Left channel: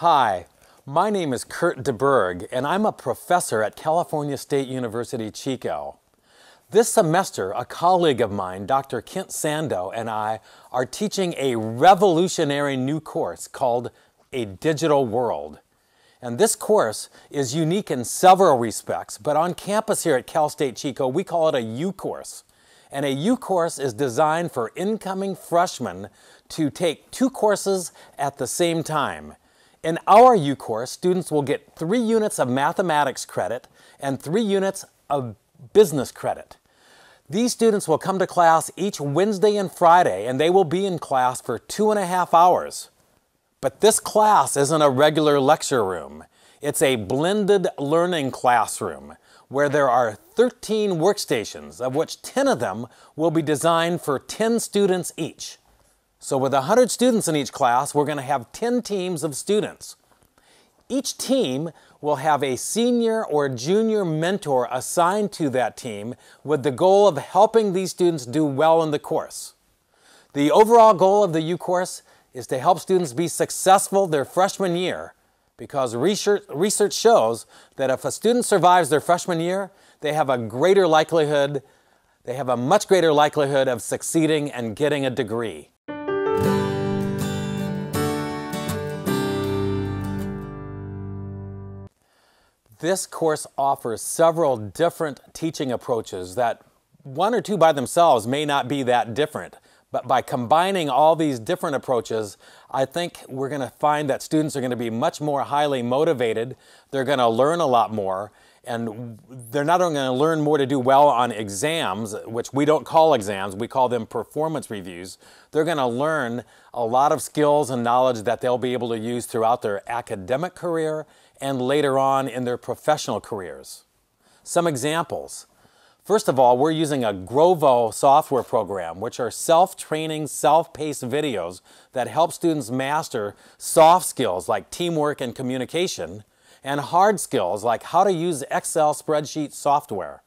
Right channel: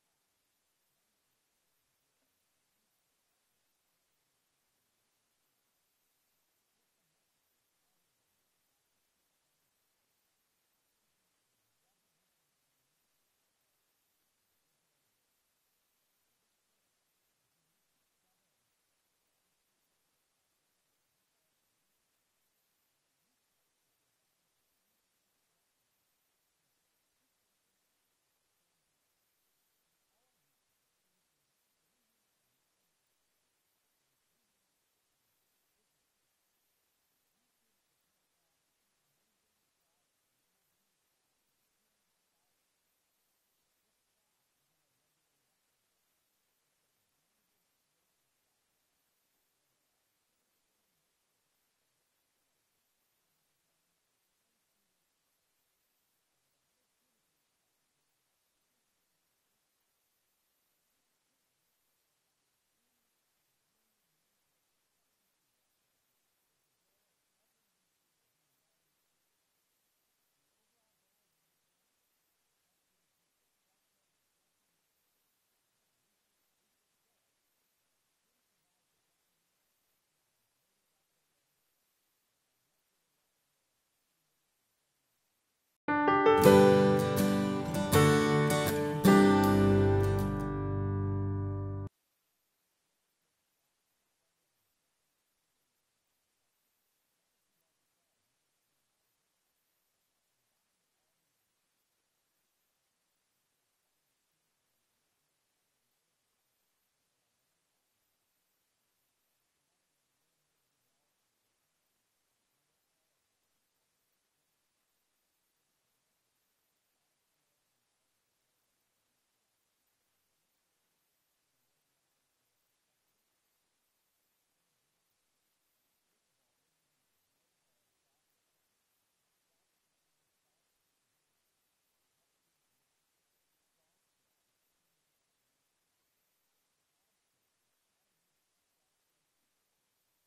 Hi, my name is Curt DeBerg, and I'm a professor at California State University, Chico. This semester, a colleague of mine, Dr. Kent Sandoe, and I are teaching a revolutionary new course called A Digital World. And this course is unique in several respects, but on campus here at Cal State Chico, we call it a U course. And a U course is designed for incoming freshmen to take two courses at the same time. In our U course, students will get 3 units of mathematics credit and 3 units of business credit. These students will come to class each Wednesday and Friday, and they will be in class for 2.5 hours. But this class isn't a regular lecture room. It's a blended learning classroom where there are 13 workstations, of which 10 of them will be designed for 10 students each. So with 100 students in each class, we're going to have 10 teams of students. Each team will have a senior or junior mentor assigned to that team with the goal of helping these students do well in the course. The overall goal of the U course is to help students be successful their freshman year, because research shows that if a student survives their freshman year, they have a much greater likelihood of succeeding and getting a degree. This course offers several different teaching approaches that one or two by themselves may not be that different. But by combining all these different approaches, I think we're going to find that students are going to be much more highly motivated. They're going to learn a lot more. And they're not only going to learn more to do well on exams, which we don't call exams, we call them performance reviews. They're going to learn a lot of skills and knowledge that they'll be able to use throughout their academic career and later on in their professional careers. Some examples. First of all, we're using a Grovo software program, which are self-training, self-paced videos that help students master soft skills like teamwork and communication, and hard skills like how to use Excel spreadsheet software.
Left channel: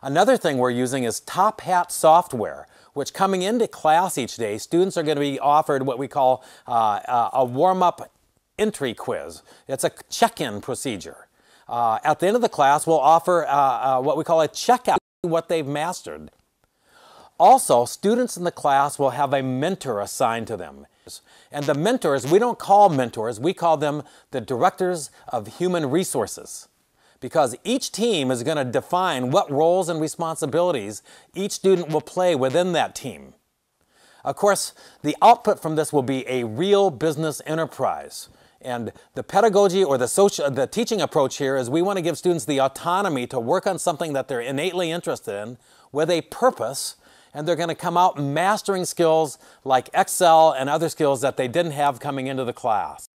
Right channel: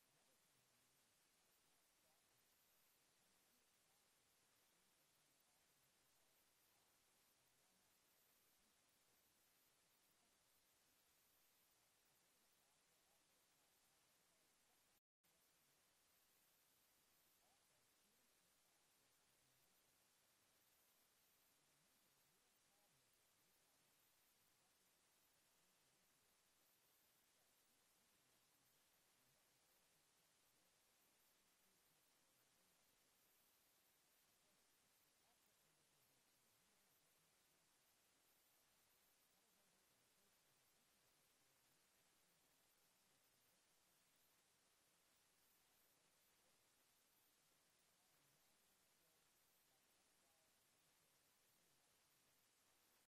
Another thing we're using is Top Hat software, which coming into class each day, students are going to be offered what we call a warm-up entry quiz. It's a check-in procedure. At the end of the class, we'll offer what we call a checkout, what they've mastered. Also, students in the class will have a mentor assigned to them. And the mentors, we don't call mentors, we call them the directors of human resources. Because each team is going to define what roles and responsibilities each student will play within that team. Of course, the output from this will be a real business enterprise. And the pedagogy or the teaching approach here is we want to give students the autonomy to work on something that they're innately interested in with a purpose, and they're going to come out mastering skills like Excel and other skills that they didn't have coming into the class.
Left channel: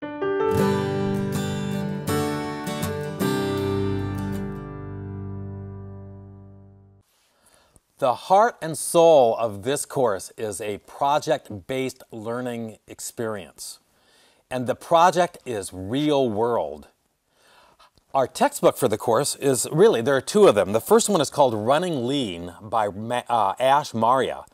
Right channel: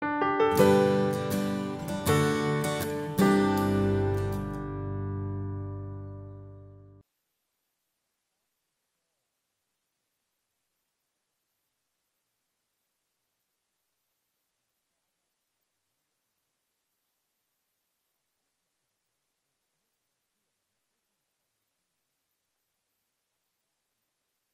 The heart and soul of this course is a project-based learning experience. And the project is real world. Our textbook for the course is there are 2 of them. The first one is called Running Lean by Ash Maurya.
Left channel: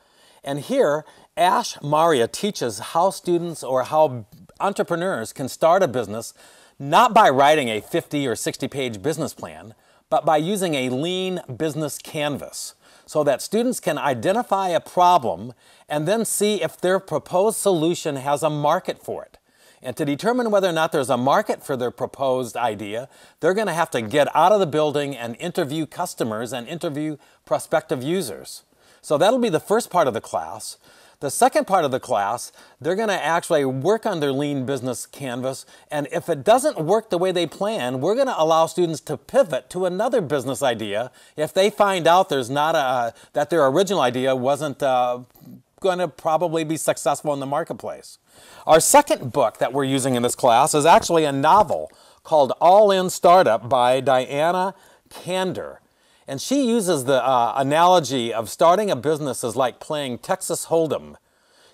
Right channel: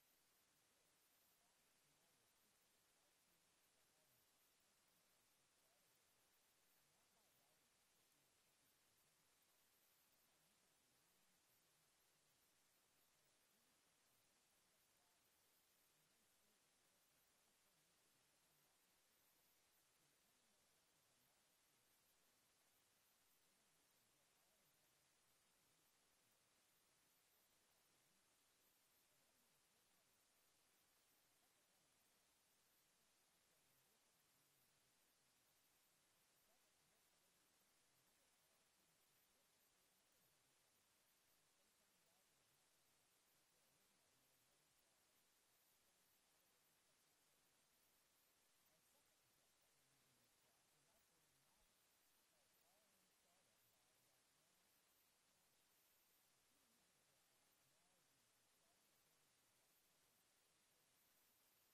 And here, Ash Maurya teaches how students or how entrepreneurs can start a business not by writing a 50 or 60-page business plan, but by using a lean business canvas so that students can identify a problem and then see if their proposed solution has a market for it. And to determine whether or not there's a market for their proposed idea, they're going to have to get out of the building and interview customers and interview prospective users. So that'll be the first part of the class. The second part of the class, they're going to actually work on their lean business canvas, and if it doesn't work the way they plan, we're going to allow students to pivot to another business idea if they find out that their original idea wasn't going to probably be successful in the marketplace. Our second book that we're using in this class is actually a novel called All In Startup by Diana Kander. And she uses the analogy of starting a business as like playing Texas Hold'em.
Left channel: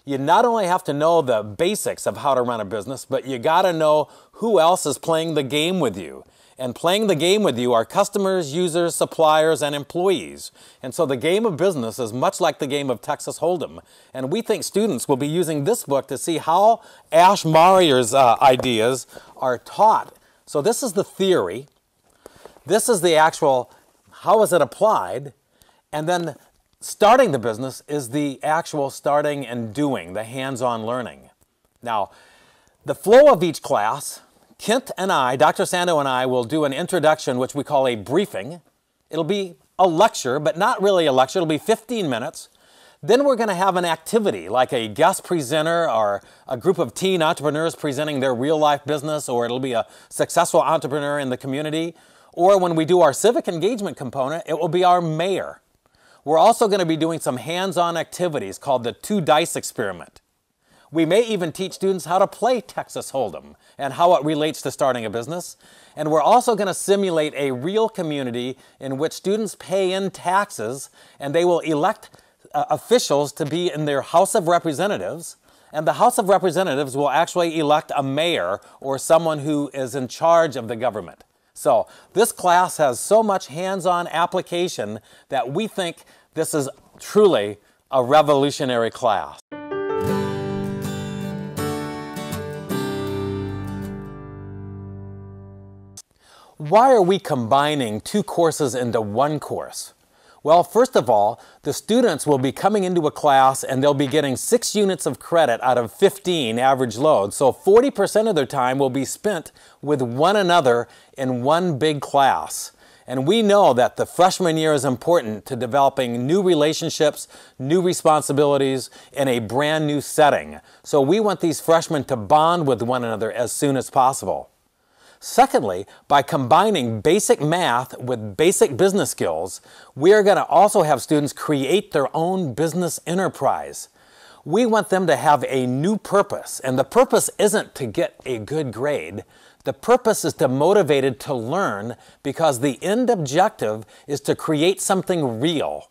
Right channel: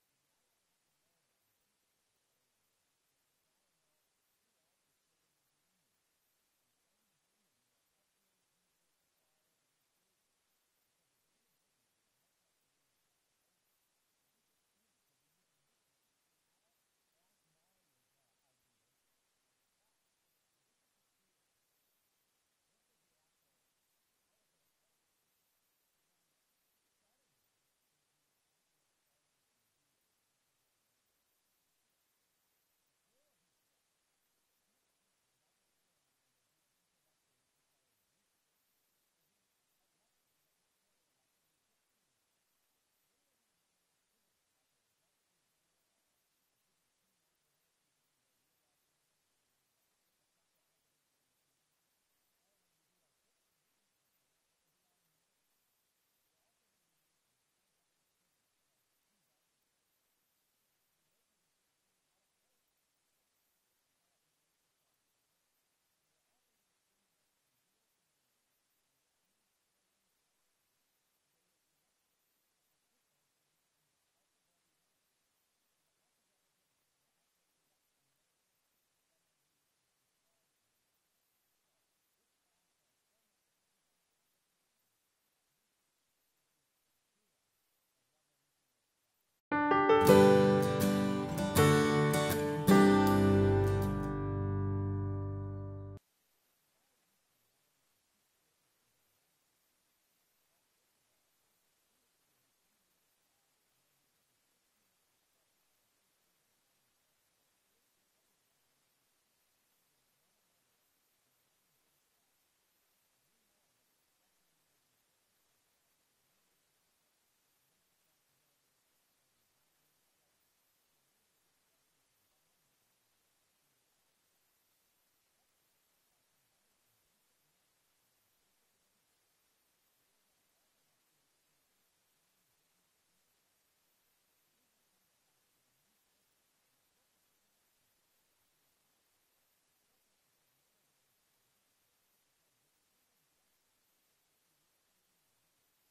You not only have to know the basics of how to run a business, but you got to know who else is playing the game with you. And playing the game with you are customers, users, suppliers, and employees. And so the game of business is much like the game of Texas Hold'em. And we think students will be using this book to see how Ash Marier's ideas are taught. So this is the theory. This is the actual, how is it applied? And then starting the business is the actual starting and doing, the hands-on learning. Now, the flow of each class, Kent and I, Dr. Sandoe and I, will do an introduction, which we call a briefing. It'll be a lecture, but not really a lecture. It'll be 15 minutes. Then we're going to have an activity, like a guest presenter or a group of teen entrepreneurs presenting their real-life business, or it'll be a successful entrepreneur in the community. Or when we do our civic engagement component, it will be our mayor. We're also going to be doing some hands-on activities called the 2 dice experiment. We may even teach students how to play Texas Hold'em and how it relates to starting a business. And we're also going to simulate a real community in which students pay in taxes and they will elect officials to be in their House of Representatives. And the House of Representatives will actually elect a mayor or someone who is in charge of the government. So this class has so much hands-on application that we think this is truly a revolutionary class. Why are we combining 2 courses into 1 course? Well, first of all, the students will be coming into a class and they'll be getting 6 units of credit out of 15 average load. So 40% of their time will be spent with one another in one big class. And we know that the freshman year is important to developing new relationships, new responsibilities in a brand new setting. So we want these freshmen to bond with one another as soon as possible. Secondly, by combining basic math with basic business skills, we are going to also have students create their own business enterprise. We want them to have a new purpose, and the purpose isn't to get a good grade. The purpose is to motivate it to learn, because the end objective is to create something real.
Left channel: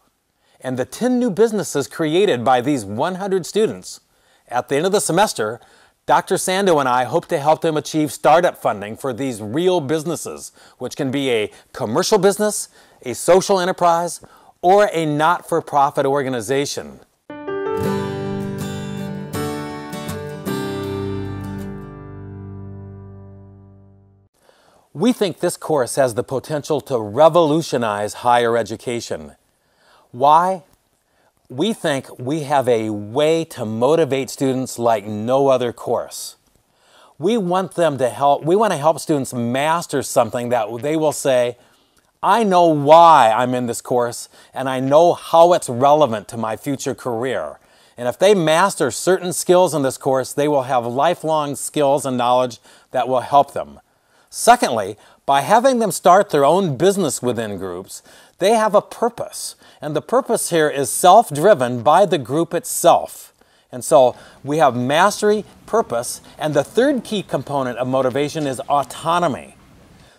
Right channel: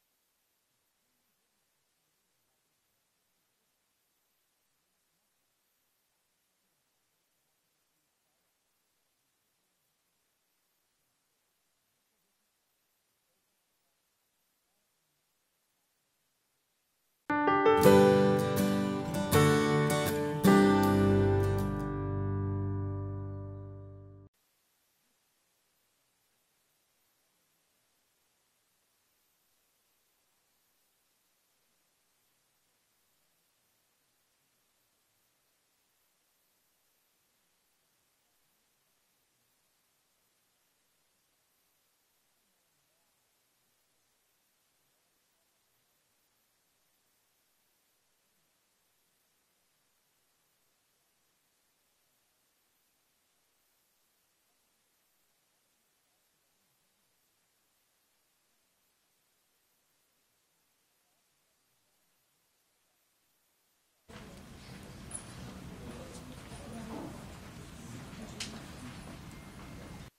And the 10 new businesses created by these 100 students, at the end of the semester, Dr. Sandoe and I hope to help them achieve startup funding for these real businesses, which can be a commercial business, a social enterprise, or a not-for-profit organization. We think this course has the potential to revolutionize higher education. Why? We think we have a way to motivate students like no other course. We want to help students master something that they will say, I know why I'm in this course and I know how it's relevant to my future career. And if they master certain skills in this course, they will have lifelong skills and knowledge that will help them. Secondly, by having them start their own business within groups, they have a purpose. And the purpose here is self-driven by the group itself. And so we have mastery, purpose, and the third key component of motivation is autonomy.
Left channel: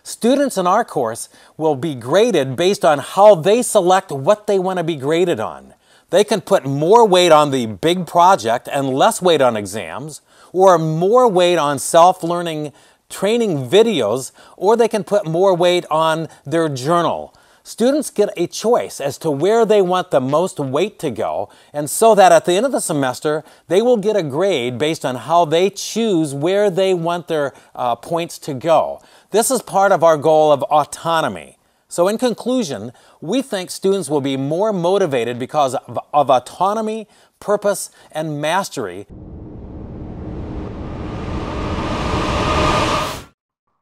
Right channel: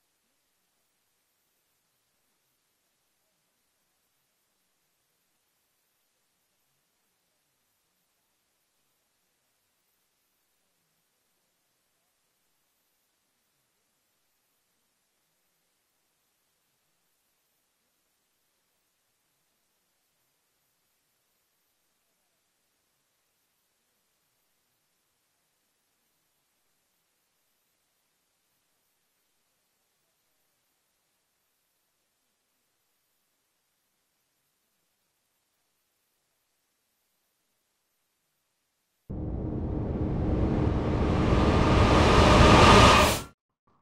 Students in our course will be graded based on how they select what they want to be graded on. They can put more weight on the big project and less weight on exams, or more weight on self-learning training videos, or they can put more weight on their journal. Students get a choice as to where they want the most weight to go, and so that at the end of the semester, they will get a grade based on how they choose where they want their points to go. This is part of our goal of autonomy. So in conclusion, we think students will be more motivated because of autonomy, purpose, and mastery.